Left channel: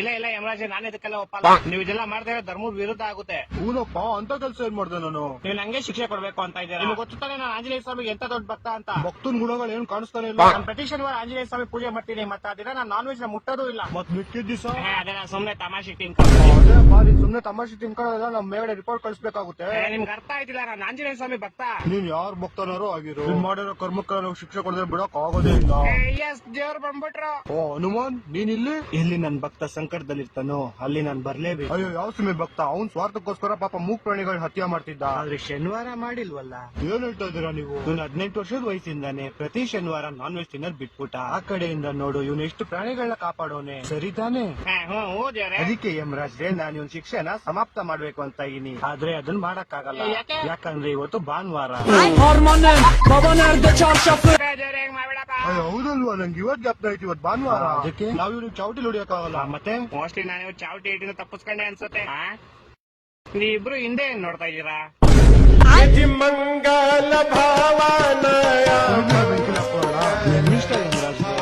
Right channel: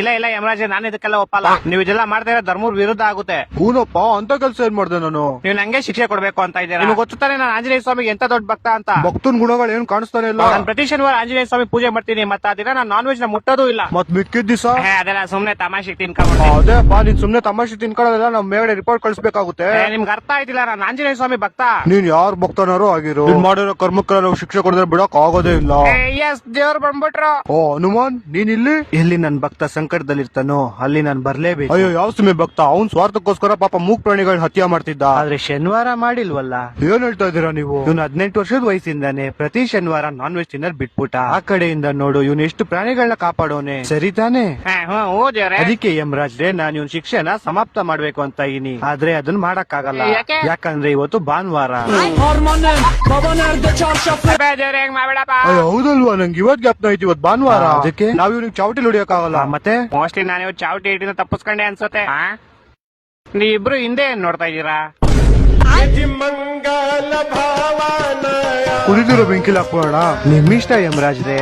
ಇಲ್ಲ ಇಲ್ಲ ಯಮರಾಜ್, ನಾನು ಇದಕ್ಕೆಲ್ಲ ಒಪ್ಪಲ್ಲ. ನೀವು ಇದೆಲ್ಲ ಮಾಡ್ತಾ ಇರೋ ಧರ್ಮದ ವಿರುದ್ಧ ಆಗುತ್ತೆ. ಹೂನಪ್ಪ, ಅಂತ ಕೆಲ್ಸ ಏನ್ ಮಾಡ್ದೆ ನಾನು? ನೀವು ನಂಗೆ ಶಿಕ್ಷೆ ಕೊಡ್ಬೇಕು ಅಂತ ಇದ್ದೀರಾ. ನಿಮ್ಗೆ ಗೊತ್ತಾನೆ ನಾನು ಆಂಜನೇಯ ಸ್ವಾಮಿಗೆ ಎಂತ ದೊಡ್ಡ ಭಕ್ತ ಅಂತ. ಭಕ್ತನ್ ಗುಣಗಳು ಏನ್ ಕಾಣಿಸ್ತಾನೆ ಇಲ್ಲ. ನಾನು ಪ್ರತಿ ಶನಿವಾರ ಆಂಜನೇಯ ಸ್ವಾಮಿ ಪೂಜೆ ಮಾಡ್ತೀನಿ. ಮತ್ತೆ ಆ ದಿನ ನಾನು ನಾನ್ ವೆಜ್ ನ ಮುಟ್ಟೋದು ಇಲ್ಲ. ಮತ್ ಮಿಕ್ಕಿದ್ ದಿವಸ ಅದೆಲ್ಲ ಸುಮ್ನೆ ತಮಾಷೆಗೆ ತಿನ್ಕೊಂಡು. ಅದೇಪ್ಪ, ನೀನ್ ಸುಮ್ನೆ ತಮಾಷೆ ತಿನ್ಕೊಳ್ಳೋದಿಲ್ಲ, ನಮ್ ಮೇಗಡೆ ರಿಪೋರ್ಟ್ ಕಳಿಸ್ಬೇಕಾಗುತ್ತೆ. ನಿಮ್ಗೆ ಅರ್ಥ ಆಯ್ತಿಲ್ಲ, ನಾನು ಆಂಜನೇಯ ಸ್ವಾಮಿ ಭಕ್ತ. ನೀನ್ ಯಾರ್ ಭಕ್ತನಾರು ಆಗಿರೋ, ನೀನ್ ಮಾಡಿರೋ ಕರ್ಮಕ್ಕೆಲ್ಲ ನಾವು ಶಿಕ್ಷೆ ಕೊಡದ್ರೆ ಬಿಡಕ್ ಆಗೋದೇ ಇಲ್ಲ. ಎಸ್, ದೇವ್ರು ಬಂದ್ಬಿಟ್ರು. ಓ ಹನುಮಾನ್, ನೀನ್ ಇಲ್ಲಿ? ಎಲ್ಲಿ ನನ್ ಭಕ್ತ ಸಂಕಟದಲ್ಲಿರ್ತಾನೋ ಅಲ್ಲಿ ನಾನು ಬರ್ಲೇಬೇಕು. ಅಯ್ಯೋ, ಯಾವ ಸುಮ್ಮನೆ ಭಕ್ತ? ಅವ್ನ್ ಸ್ವಾರ್ಥಕ್ಕೋಸ್ಕರ ಪಾಪ ಮೂಕ್ ಪ್ರಾಣಿಗಳನ್ನ ಹತ್ಯೆ ಮಾಡ್ತಿದ್ದ. ಆದ್ರೆ ಶನಿವಾರ ಮಾಡಿಲ್ವಲ್ಲ. ಏನ್ ಹೇಳ್ತಾ ಇದೀರಾ ನೀವು? ಇವ್ನು 18 ವರ್ಷದ ವಯಸ್ಸಿಂದಾನೆ ಪ್ರತಿ ಶನಿವಾರ ನಾನ್ ವೆಜ್ ತಿನ್ನೋದ್ ಬಿಟ್ಬಿಟ್ಟ. ಆ ಕಡೆಯಿಂದ ನೋಡು, ಇವ್ನು ಎಷ್ಟು ಪ್ರಾಣಿಗಳನ್ನ ಕಾಪಾಡೋನೆ. ಸರಿ ತಾನೆ? ಅದಕ್ಕೆ ಯಮರಾಜ್ರೆ, ನಾನು ಇವ್ನ ಶಿಕ್ಷೆನ ಸಮಾಪ್ತ ಮಾಡ್ಬೇಕು ಅಂತ ಇದೀನಿ. ಆದ್ರೆ ಅದನ್ನ ಮಾಡಕ್ ಆಗಲ್ಲ. ಯಾಕಂದ್ರೆ ಇವತ್ತು ಭಾನುವಾರ. ಅಯ್ಯೋ ಹೌದಲ್ವಾ, ನಂಗೆ ಇವತ್ ಜ್ಞಾಪನ ಐತಿ, ಇವತ್ ಭಾನುವಾರ. ಅದಕ್ಕೆ ನಾವ್ ಇವ್ನಿಗೆ ಚಾವಟಿ ಹೊಡಿಯಕ್ ಆಗಲ್ಲ. ಮತ್ತೆ ಮೋಸ್ಟ್ಲಿ ನಾನು ಇವತ್ತು ಚಾವಟಿ ಹಿಡಿದ ತಪ್ಪಿಸ್ಕೊಂಡೆ ಅನ್ಸುತ್ತೆ. ನೀವಿಬ್ರು ಹಿಂದೆ ಏನ್ ನೋಡ್ತಾ ಇದೀರಾ? ಕುಡಿದಿರೋ ಬೆಂಕಿಲ್ ಹಾಕೋಣ. ನಿಮ್ಮಿಷ್ಟ ಯಮರಾಜ್ರೆ.